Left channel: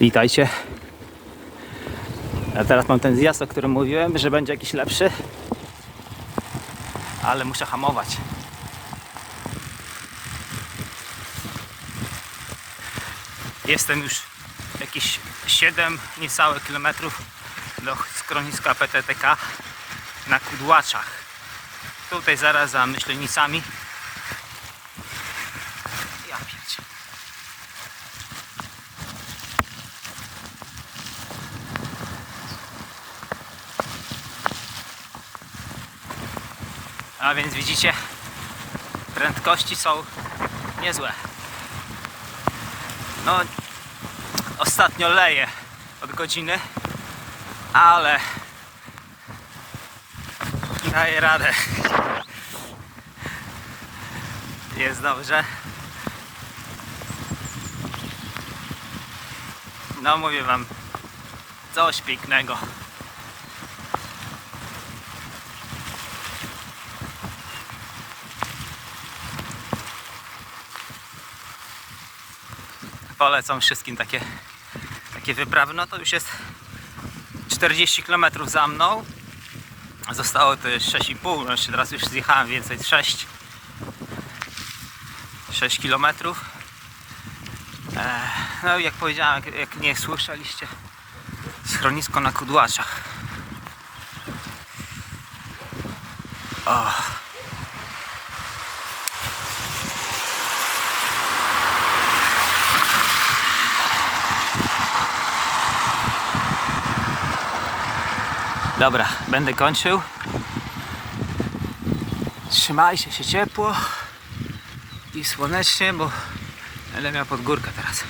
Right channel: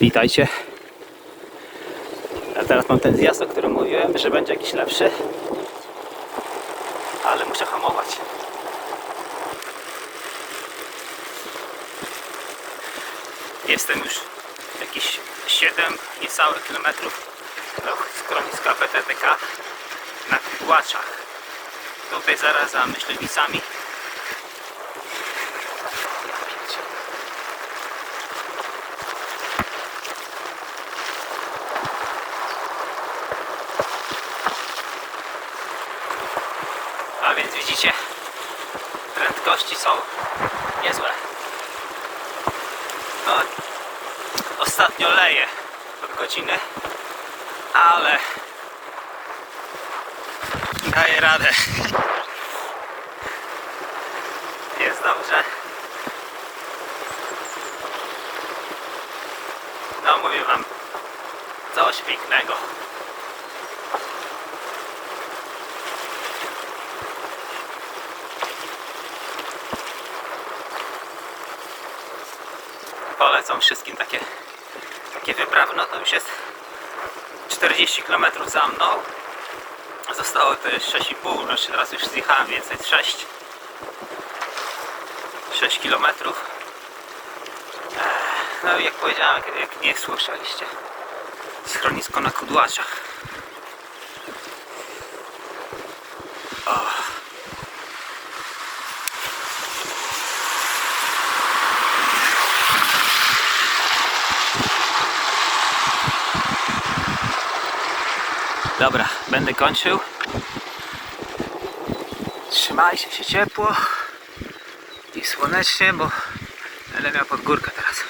Witajcie. Ja teraz mam ten zjazd, o którym mówiłem, że będzie jakiś lepszy. Ale muszę hamować. Jestem już jakieś 7 niecałe kilometrów do schroniska PTTK na Kudłaczach. Tutaj zaraz za myślenicami. A więc widzicie, prędkości są niezłe. No, ostatnio leje od godziny, ale daję radę. Jest dobrze. No mówię wam, coś pięknego. Polecam wszystkim takie, takie wyprawy. No to już jest 40 km za mną. Zostało to już 6,5, no jeszcze teraz już zjechałem więcej, 6 6 km. No jak powiedziałem, jak, nie słyszeliście, schronisko na Kudłaczach. O. Dobra, będę kończył. Trzymajcie się ciepło i słonecznie, bo będę miał pod górkę teraz.